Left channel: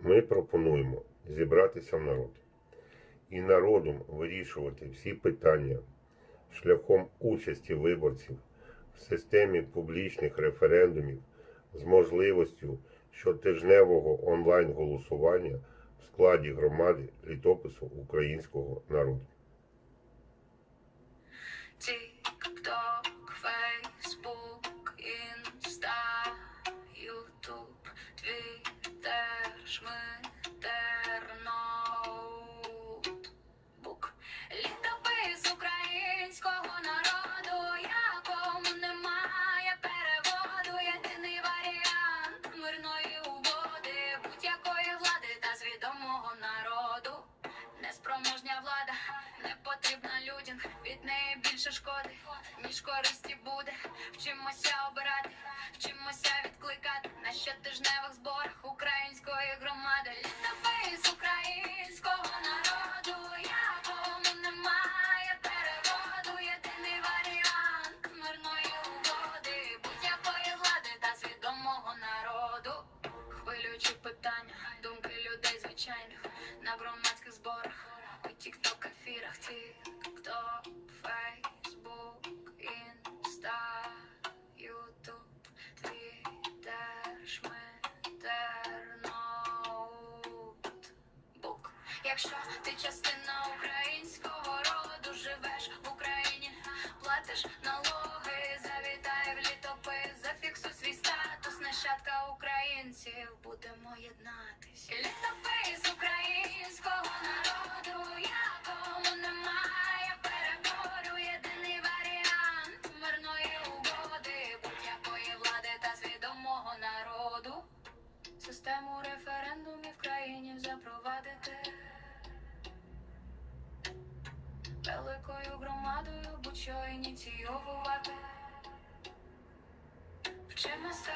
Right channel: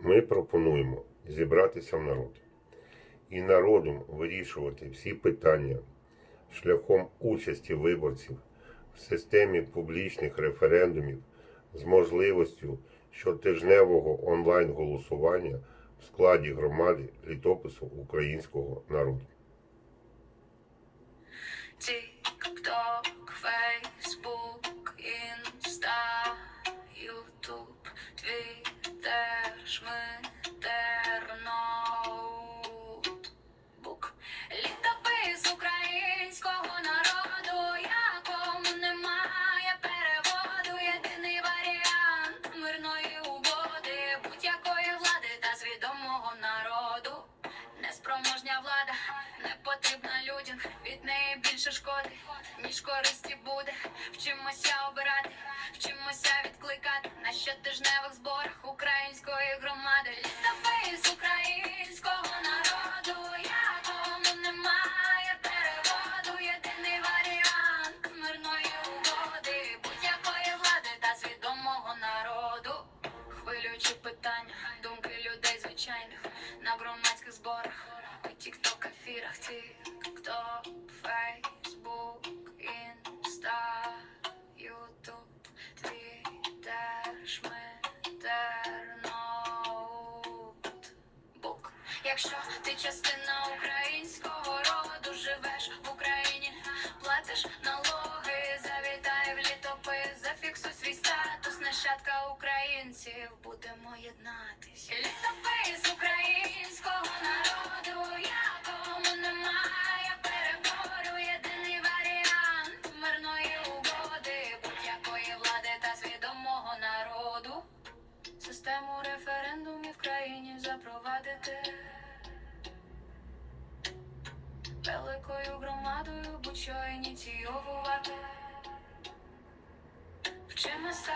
Ми пропонуємо зібратися в народ і народом вирішувати всі питання шляхом участі виборців в системі публічних референдумів з можливістю щотижневого онлайн-голосування в складі громади літопису українського народу. Неспроможня влада не потрібна людям, від неї більше шкоди, ніж користі буде. Вчимося обирати, вчимося відкликати на щотижневих зборах української громади. Літопис українського народу, якому немає переводу. Єдиний варіант мирної угоди, будь-якої влади та свідомого народу. Хвилюючі питання, думки людей звичайних на громадських зборах, у тік-ток ефірах, тік-ток, фейсбук, інста, ютуб, твіттер, шмитер, ноутбук. Якщо ти частина українського роду, живеш в Україні, платиш налоги, завітай в літопис, зафіксуй свій статус, нащадка українців, будемо єднатись. Літопис українського Систему референдумів в країні запровадити. Великою громадою будь-що ініційовувати. Вчимося